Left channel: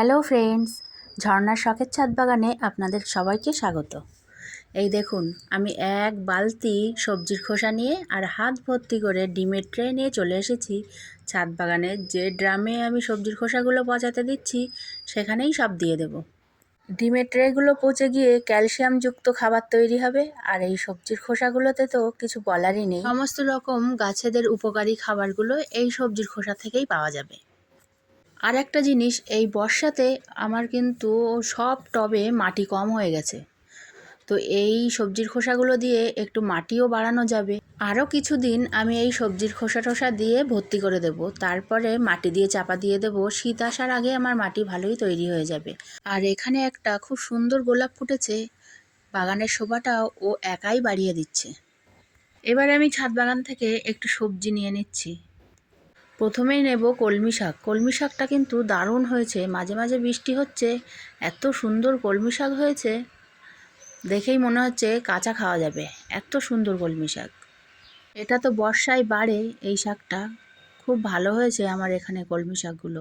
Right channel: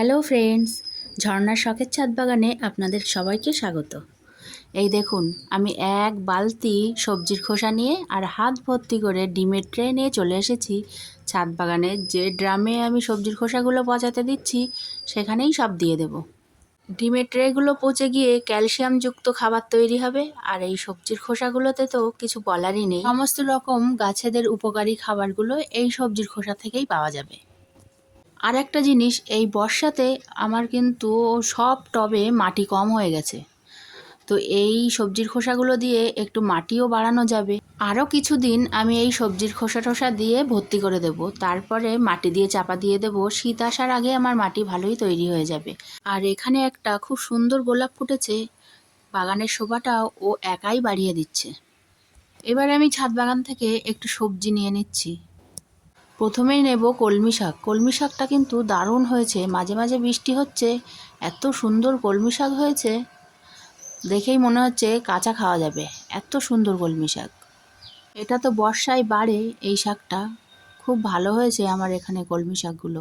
Hello friends, ঝর্ণার শখের ছাদ বাগানে আপনাদের সবাইকে স্বাগত। এই দেখুন, আমি এক বালতি সবজির খোসা নিয়ে আর হাত ভর্তি করে ডিমের ট্রে নিয়ে চলে এসেছি। ছাদ বাগানে যে ড্রামে আমি সবজির খোসাগুলো পচাতে দিচ্ছি, সেখানেই সব দিয়ে দেব। ডিমের ট্রেগুলো পচে গিয়ে ক্যালসিয়ামযুক্ত খাবার তৈরি হবে, আর এই সবজির খোসাগুলোতে তো কিছু বলারই নেই। সমস্ত রকম গাছেদের উপকারী খাবারগুলো এই সবজির খোসা থেকেই পাওয়া যাবে। আর একটা জিনিস, এই বর্ষাতে আমার কিন্তু সব টবে মাটি কম হয়ে গেছে। তো এই সবজির খোসাগুলো দিয়ে একটু মাটিও বাড়ানো যাবে। আরও কিছুদিন আমি এই সবজির খোসা টোসা দিয়ে ভর্তি করে দেব। তারপরে মাটি দিয়ে চাপা দিয়ে দেব। শীত আসার আগে আমার মাটি ভালোই তৈরি হয়ে যাবে। আর এখানে একটা খুব সুন্দর গোলাপ ফুটেছে। বাগানের শোভাটাও ও একাই বাড়িয়ে দিচ্ছে। এবার আমি ছাদ বাগান থেকে একটু সবজি নিয়ে নিচ্ছি। প্রথমেই নেব কলমি শাক। কলমি শাকটা কিন্তু দারুণ হয়েছে। মাঝে মাঝে বৃষ্টি হচ্ছে। এত সুন্দর কলমি শাক হয়েছে। দেখেই মনে হচ্ছে কাঁচা খাওয়া যাবে। এত সুন্দর কলমি শাক। এটা তো বর্ষায় বাড়ে এই শাকটা। খুব ভালো হয়েছে আমার এখানে কলমি শাকগুলো।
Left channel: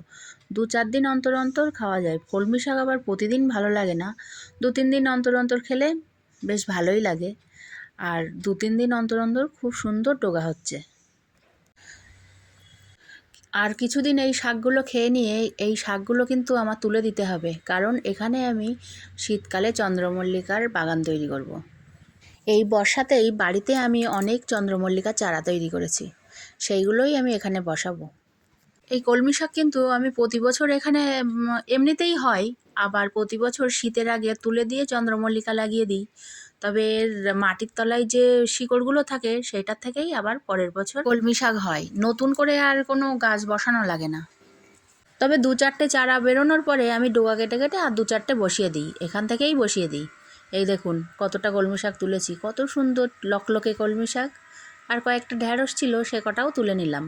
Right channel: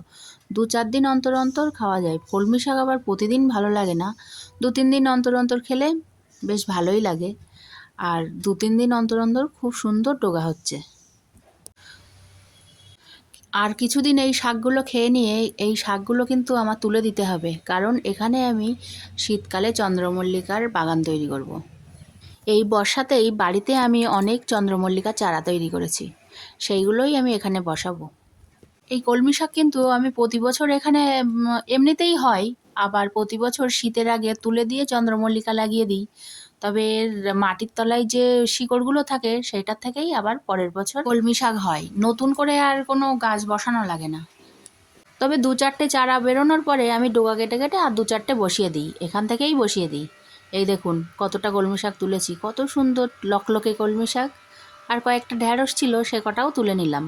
দু চার দিন অন্তর অন্তর খাওয়া যায়। কলমি শাক আবার প্রতিদিন ভালো লাগে না। দু তিন দিন অন্তর অন্তর খেলে বেশ ভালোই লাগে। আর দু তিন দিন অন্তর অন্তর খুব সুন্দর টোগা হচ্ছে। আর কিছুদিন এই শাকগুলো খেয়ে নিয়ে এই শাকগুলো কিন্তু আমার তুলে দিতে হবে। কারণ এখানে আমি শীতকালে চন্দ্রমল্লিকার বাগান তৈরি করব। এই বর্ষাতেই বাড়িতে আমি অনেক চন্দ্রমল্লিকা চারা তৈরি করেছি। সেইগুলোই আমি এখানে বসাবো। এই কলমি শাক কিন্তু আমি প্রতি বছর এখানে এমনিতেই হয়। আবার প্রতি বছর শীতের আগে তুলে দিয়ে চন্দ্রমল্লিকা লাগিয়ে দিই। তবে এর মাটির তলায় যে শিকড়গুলো থাকে, সেটার থেকেই আবার পরের বছর কলমি শাক হয়। নতুন করে আর কোনো গাছ বসানো লাগে না। তবে দু চারটে চারা বেরোনোর পরে আমি ডোগা কেটে কেটে আর দু চারটে বসিয়ে দিই। এখান থেকেই বসিয়ে দিই। এই দেখুন, কতটা কলমি শাক তুলেছি, কত সুন্দর লকলকে কলমি শাক। আর কয়েকটা ঢ্যাঁড়স ছিল, সে কটাও তুলে নিলাম।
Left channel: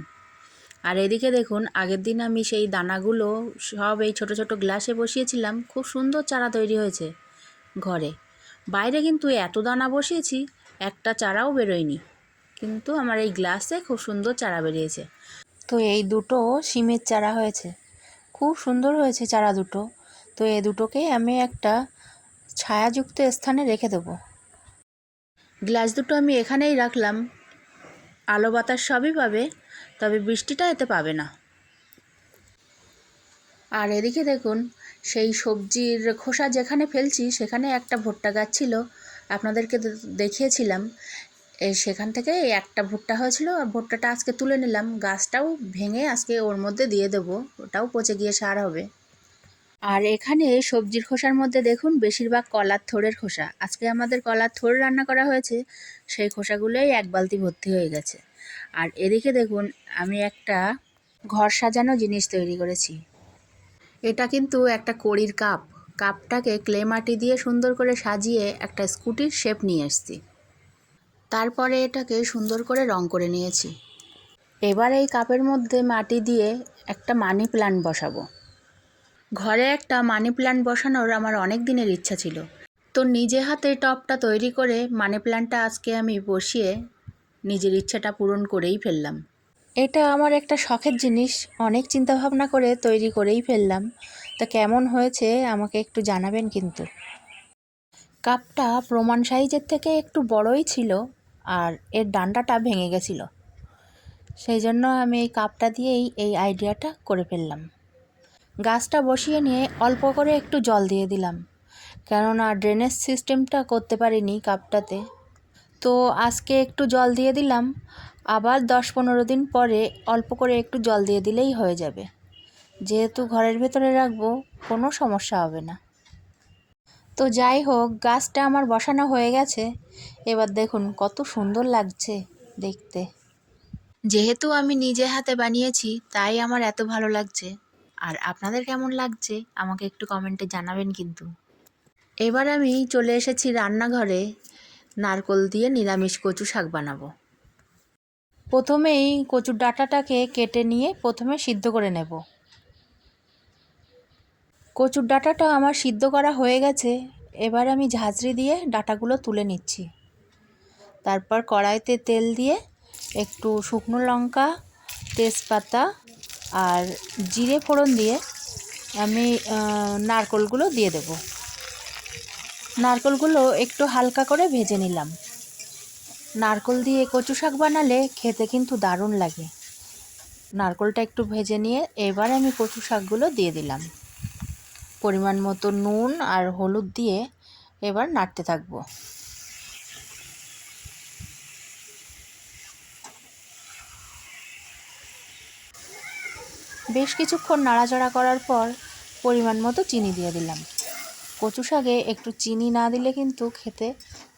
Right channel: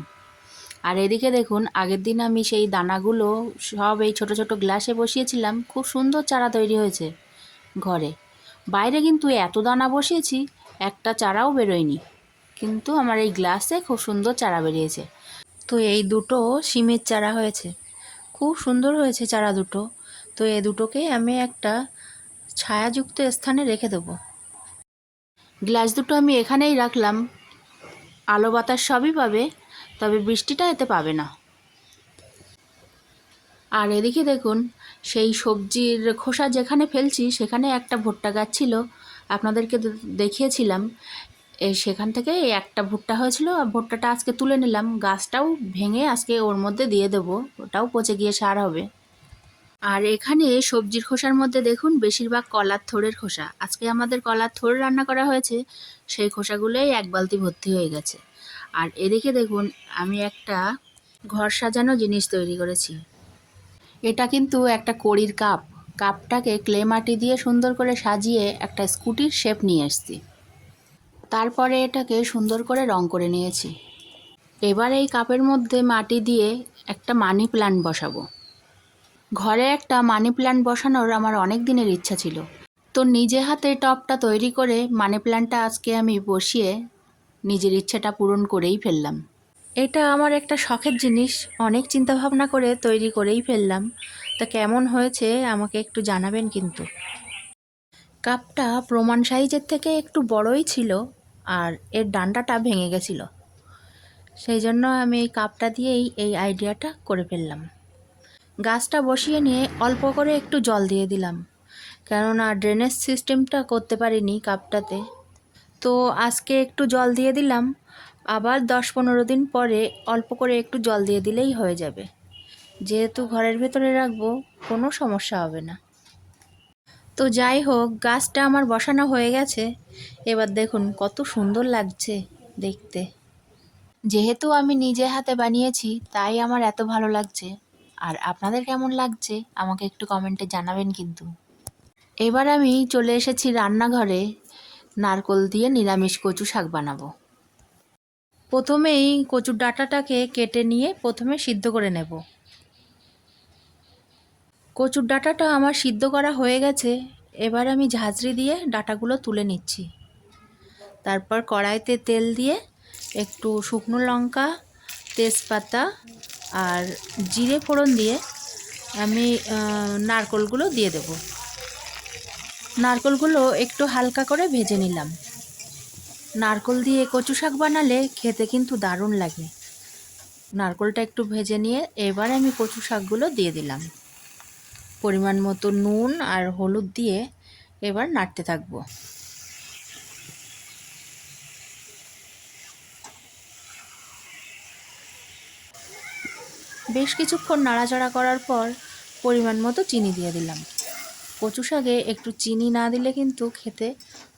আর এদিকে দেখুন, আগের দিন আমি সেই দানাগুলো সব এই ছোট ছোট গ্লাসে বসিয়েছিলাম। খুব সুন্দর চারা তৈরি হয়েছে ঘরে। বাইরে কিন্তু এত দানা বসিয়েছি, একটা চারাও বেরোয়নি। কিন্তু আমার এই গ্লাসে খুব সুন্দর চারা বেরিয়েছে। তো এই দুটো সিমের চারা হয়েছে। খুব সুন্দর হয়েছে চারা দুটো। তো এই দুটোকেই আমি একটা ছায়াযুক্ত স্থানে রেখে দেবো। গ্লাস দুটো আমি এখানেই রাখলাম। আলো বাতাস সবই পাবে, তবে বৃষ্টিটা এতে পাবে না। আর এদিকে দেখুন, সেই সবজির খোসা যেখানে ফেলছি, সেখানে একটা ভুট্টা গাছ ছিল। আপনাদেরকে দেখিয়েছিলাম। সেখান থেকে একটা ভুট্টা হয়েছিল। আর ভুট্টাটা আজকে তুলে নিলাম। গাছটাও ভেঙে আজকে ওর মধ্যে দিয়ে দেবো। ওটাও পচে গিয়ে সার হবে। আর এখানে সবজির খোসার মধ্যে দেখুন, বেশিরভাগ কলার থোড়ের খোসা। আজকে আমাদের কলার থোড় রান্না করা হয়েছে। সেই খোসাগুলোই এক বালতি ভর্তি হয়ে গেছে। আর এদিকে দেখুন, আমি একটা ঘর সাজানো জিনিস তৈরি করেছি। এটা কিন্তু একটা কড়ির কাপ। কাপটাকে ক্লে মাটি দিয়ে সুন্দর করে সাজিয়ে একটা স্কুটির শেপ নিয়ে এসেছি তারপরে এটাকে সুন্দর করে রং করে নিয়েছি। এবার এই কাপের মধ্যে মাটি দিয়ে একটা মানি প্ল্যান্ট বসাবো। ঘরে একটা মানি প্ল্যান্ট বসানোর আমার অনেক দিনের ইচ্ছা ছিল। তো নিজে হাতে টপটা তৈরি করে মানি প্ল্যান্টটা আজকে আমি বসিয়ে নিজের ইচ্ছাটা পূরণ করেই ফেললাম। এটা আমার একটা শখের জিনিস। অনেক চিন্তা ভাবনা করে তৈরি করেই ফেললাম। তা কেমন হয়েছে আমাকে একটু জানাবেন কিন্তু। কাপটা প্রমাণ সাইজের থেকে একটু বড়ই ছিল আর এর ডান্ডাটা ভেঙে গেছিল। সেই জন্য আমি এই কাপটা দিয়েই এই আইডিয়াটা করে ফেললাম। গাছটা বসিয়ে নিয়ে অল্প করে একটু জল দিয়ে দিলাম। কেননা ড্রেনেজ সিস্টেমটা করতে পারিনি কাপটাতে। তো আজকে একটু জল দিয়ে দিলাম। আবার দশ পনেরো দিন পরে অল্প করে একটু জল দিয়ে দিলেই হয়ে যাবে। যেহেতু ঘরের ভেতরে রাখব, কোনো সমস্যা হবে না। তো যাই হোক, গাছটা আমার বসানো হয়ে গেছে। এবার দেখুন কত সুন্দর লাগছে দেখতে। যেহেতু আমি নিজে হাতে বানিয়েছি, তাই আমার এত ভালো লাগছে। আর আপনাদের কেমন লাগছে, আমাকে একটু কমেন্টে জানাবেন কিন্তু। এবার আমি চলে এসেছি রান্নাঘরে। নারকোল দিয়ে নিরামিষ কচু শাক বানাবো। প্রথমেই কচুর ডাঁটাটাকে কেটে নিয়ে প্রথমে সিদ্ধ করে নেব। কচুর ডাঁটাটা আমার সিদ্ধ করা হয়ে গেছে, এবার আমি ঝাঁঝরি দিয়ে ডাঁটাগুলো তুলে নিচ্ছি। তারপর কড়াইতে তেল দিয়ে একটু শুকনো লঙ্কা, তেজপাতা আর জিরে ফোড়ন দিয়ে আমি নারকোলগুলো দিয়ে দেবো। নারকোলগুলো একটু হালকা করে ভেজে নিলাম। নারকোল দিয়ে কচু শাক বানালে খেতে কিন্তু দারুণ লাগে। নারকোলটা একটু ভেজে নিয়ে এবার আমি কচু শাকগুলো দিয়ে দিলাম। পরিমাণ মতো নুন আর হলুদ দিয়ে এবার নাড়তে থাকব। বেশ কিছুক্ষণ নাড়াচাড়া করার পর পরিমাণ মতো চিনি দিয়ে দিলাম। কচু শাকে একটু চিনি না দিলে কিন্তু খেতে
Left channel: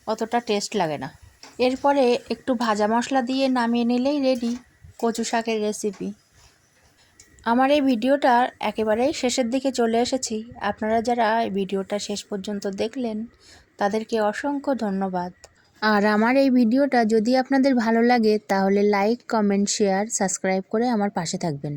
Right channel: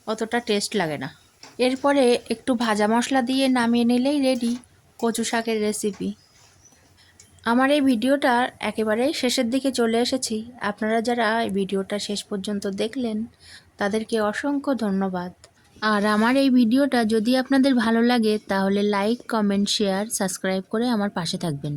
অতটা টেস্ট লাগে না। এরপরে একটু ভাজা মশলা দিয়ে নামিয়ে নিলেই রেডি কচু শাকের রেসিপি আমার এই ভিডিওটার একেবারেই শেষের দিকে চলে এসেছি। আপনারা যারা এই ভিডিওটা শেষ পর্যন্ত দেখলেন, তাদেরকে অসংখ্য ধন্যবাদ। আর আমার এই ভিডিওটা যদি আপনাদের ভালো লাগে, তাহলে লাইক কমেন্ট শেয়ার সাবস্ক্রাইব করে আমার পাশে থাকবেন।